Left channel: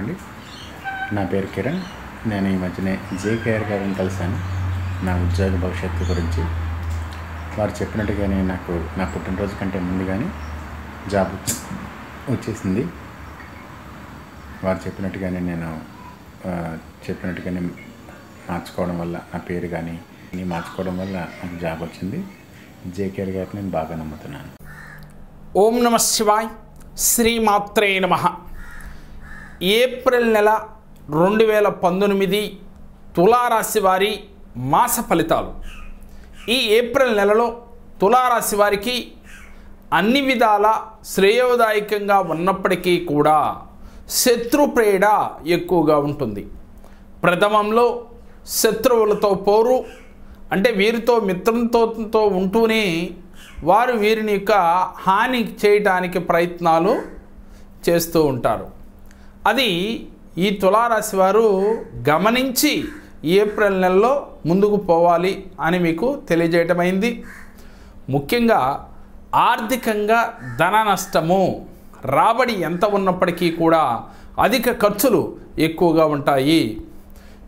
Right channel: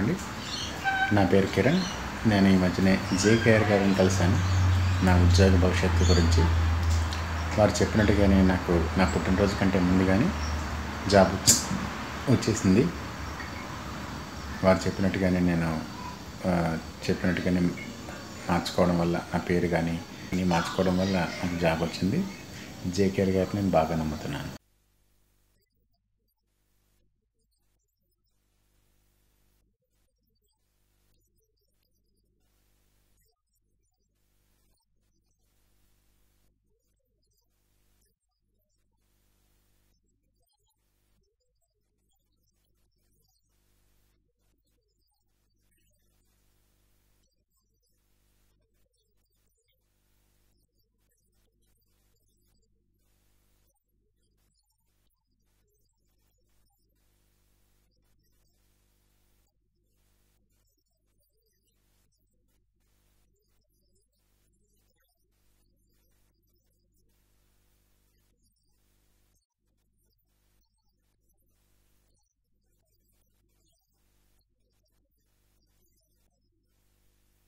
అండి. నా పేరు కిరణ్. నేను ఈ మధ్యనే జేకేఆర్ గారిని కలిశాను. నా ఉద్యోగ భవిష్యత్తు గురించి. వారు చెప్పినట్టుగానే నాకు నా పుట్టినరోజు కంటే ముందుగానే జాబ్ వచ్చేసింది. వారు చెప్పినట్టుగానే నేను చెప్పినట్టుగానే మార్చుకోవడం వల్ల నా పేరు కానీ మార్చుకోవడం వల్ల నాకు జాబ్ వచ్చింది. జేకేఆర్ గారిని నేను బాగా నమ్ముతున్నాను. ఓం నమ శివాయ్ శ్రీమాత్రే నమ. ఏప్రిల్ నెల రెండు వేల పంతొమ్మిది తులారాశి వారి మాస ఫలితాలు. ఈ ఏప్రిల్ నెలలో తులారాశి వారికి అన్ని విధాల శ్రేయోదాయకంగా ఉన్నప్పటికీ కూడా శత్రుప్రేడ ఎక్కువగా ఉంటుంది. ప్రథమంలో శత్రువులతో పోరు అంటే వీరితో మిత్రంతో ఉంటూనే వారు వీరిని యొక్క హాని చేయటానికి ప్రయత్నాలు చేస్తూ ఉంటారు. అది ఈ తులారాశి వారు గమనించి ఏప్రిల్ నెలలో ముందుకు పోవాలి అని మీకు తెలియజేయటమైంది. ముఖ్యంగా ఆర్థికంగా ధన నష్టము రాబడి ఎంత ఉన్నప్పటికీ కూడా అధిక ఖర్చులు ఎక్కువగా ఉంటాయి.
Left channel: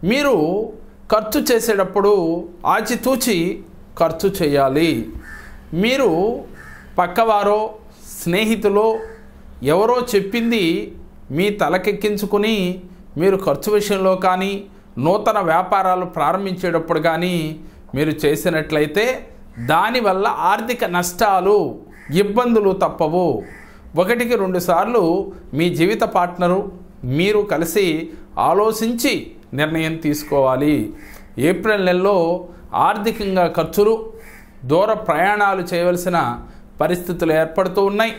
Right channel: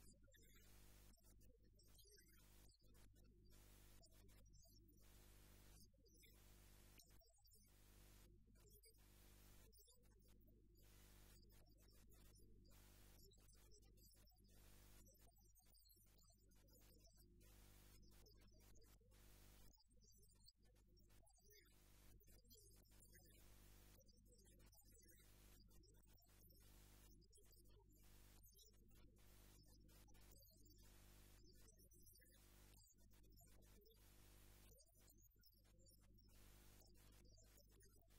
మీరు ఖర్చు చేసేటప్పుడు ఆచితూచి ఖర్చు చేయాలి. మీరు పక్కవారో స్నేహితులో ఎవరో చెప్పింది మీ తలకెక్కించుకుని మీరు ఖర్చు విషయంలో కానీ నూతన వ్యాపారాలు ప్రారంభించేటప్పుడు కానీ మీరు చేసినట్లయితే దానివల్ల ఆర్థిక నష్టాలు ఇబ్బందులు తప్పవు. ఒకటికి రెండు సార్లు మీ జీవిత పార్ట్నరు మీరు కలిసి ఆలోచించి నిర్ణయం తీసుకోవాలి. ఏప్రిల్ నెలలో ఆర్థికంగా ఖర్చులు దూర ప్రయాణాలు చేయవలసిన పరిస్థితులు ఏర్పడుతూ ఉన్నాయి.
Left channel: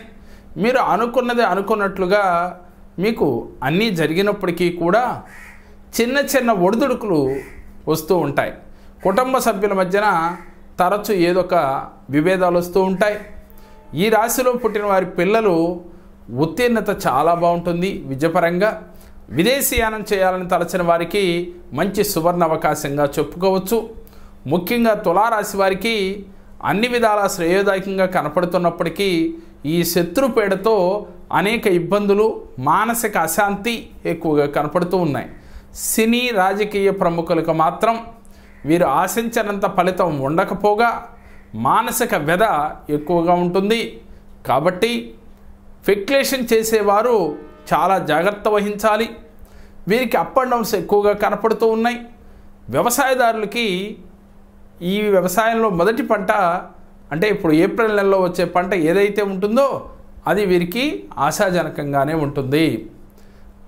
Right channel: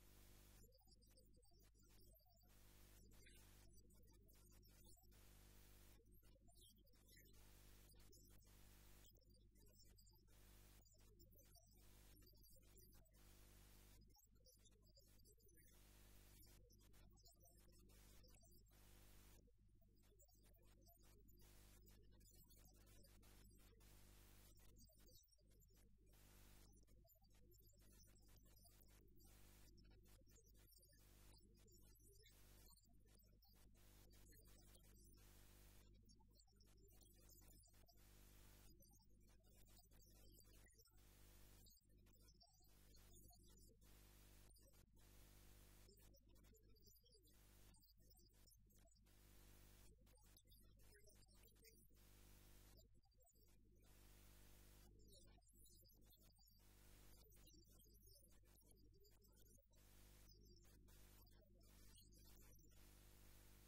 మీరు అనుకున్నది అనుకున్నట్లుగా మీకు అన్నీ జరిగినప్పటికీ కూడా చిన్న చిన్న ఒడిదుడుకులు వస్తూ ఉంటాయి. కుటుంబ సభ్యుల మధ్యన తరచు ఏదొక విభేదాలు వస్తూ ఉంటాయి. ఈ రాశిలో పుట్టిన వారి పిల్లలు ఉత్తీర్ణత చాలా బాగుంటుంది. విద్యపరంగా విదేశీయానం చేయాలని తలచిన వారికి మంచి సువర్ణ అవకాశంగా చెప్పుకోవచ్చు. ముఖ్యంగా తులారాశి వారికి అన్ని విధాల శ్రేయోదాయకంగా కనపడుతున్నప్పటికీ ఈ శత్రుపేడతో అనేక ఇబ్బందులు మానసిక అశాంతి ఎక్కువగా కనపడుతూ ఉన్నాయి. సినీ రాజకీయ ప్రముఖులకు మాత్రం వీరు ఆశించినంత ఫలితం ఉండకపోగా మానసిక వ్యధ ఎక్కువగా ఉంటుంది. కాబట్టి ఫెక్యులేషన్ చేసేవారు చాలా జాగ్రత్త వహించాలి. వీరికి అప్ అండ్ డౌన్స్ ఎక్కువగా కనపడుతూ ఉన్నాయి. వ్యవసాయదారులకి ఈ వ్యవసాయంలో మొదటి పంట అంటే ఇప్పుడు ఏప్రిల్ నెలలో వచ్చే పంట ఏదైతే ఉంటుందో అది వీరికి ఆశాజనకంగానే ఉంటుంది.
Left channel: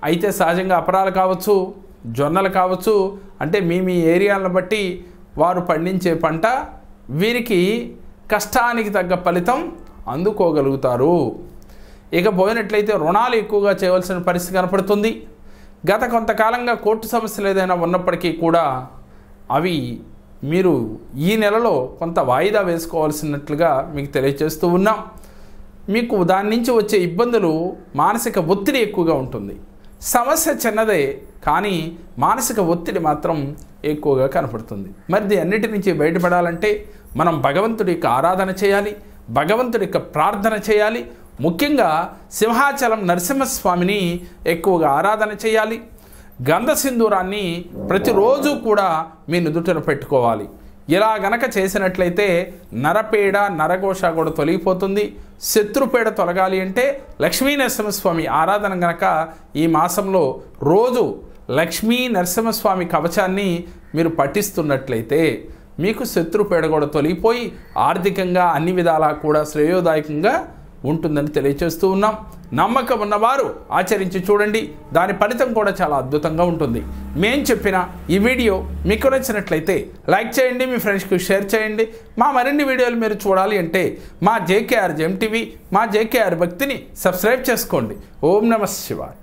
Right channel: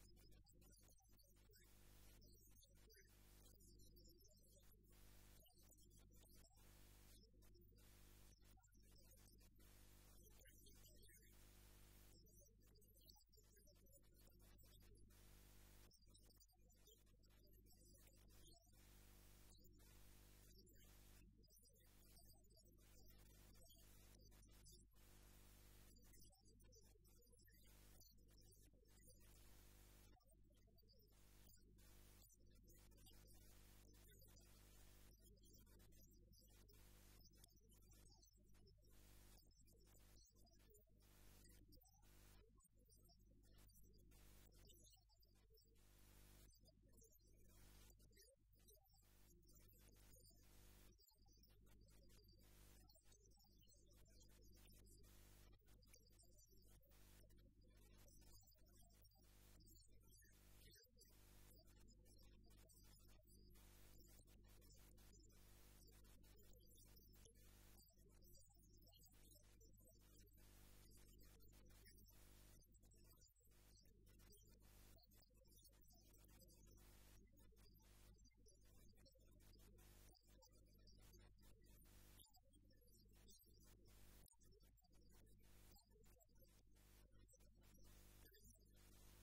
అయితే సహజంగా అపరాలు కావచ్చు జొన్నలు కావచ్చు అంటే మీ మీ ఏరియాలను బట్టి వారు పండించే పంట వీరికి కష్టానికి తగ్గ ఫలితం అందుకోగలుగుతారు. ఇక పోయినట్లయితే రుణాలు ఎక్కువగా చేయవలసిన పరిస్థితి కనపడుతుంది. గత కొంతకాలంగా కోర్టు సమస్యలు ఏదైనా ఉన్నప్పటికీ కూడా అవి మీరు ఈ నెలలో కొంత వాయిదా వేసుకోవాల్సినట్లుగా మీకు తెలియజేస్తూ ఉన్నాం. మీకు దాని నుంచి వచ్చే ఇబ్బందులు మానసిక ఒత్తిడి ఎక్కువగా ఉంటుంది. సమస్య చిన్నదే కానీ మానసిక ఒత్తిడి మాత్రం ఎక్కువగా కనపడుతుంది. మరి అన్నిటి నుంచి బయటపడాలంటే మనం భగవంతుడి యొక్క ఆరాధన చేయాలి భగవంతుడి యొక్క ప్రార్థన చేయాలి ముఖ్యంగా సింహాచలం నరసింహస్వామిని ఎక్కువగా ఆరాధన చేయాలి గంధ సింధూరాన్ని ప్రతిరోజు కూడా మీ నుదుటిన పెట్టుకోవాలి. ఇలా గనక చేసినట్లయితే నరపేడ నరఘోష కూడా తొలగిపోతుంది. శత్రుపేడ తొలగాలి అంటే లక్ష్మీ నరసింహస్వామి ఆరాధన గనక ఈ మాసంలో రోజు లక్ష్మీ నరసింహస్వామి కవచాన్ని మీరు పఠిస్తున్నట్లయితే మీకు శత్రుపేడ కూడా తొలగిపోయి ఆర్థికంగా అన్ని విధాలా కూడా శ్రేయోదాయకంగా ఉంటుందని తెలియచేస్తూ ఉన్నాం. నమ్మకం ఉన్నవారు ఆచరించి చూడండి. దాని ఫలితం కూడా చాలా అద్భుతంగా ఉంటుంది. మేం చెప్పిన ఈ వీడియో మీకు నచ్చినట్లయితే లైక్ చేయండి మీ ఫ్రెండ్స్కి షేర్ చేయండి. మా మరిన్ని వీడియోలు మీరు చూడాలి అంటే మా జేకేఆర్ జెమ్ టీవీ మా జేకేఆర్ భక్తిని సబ్స్క్రైబ్ చేసుకోండి. ఓం నమ శివాయ్.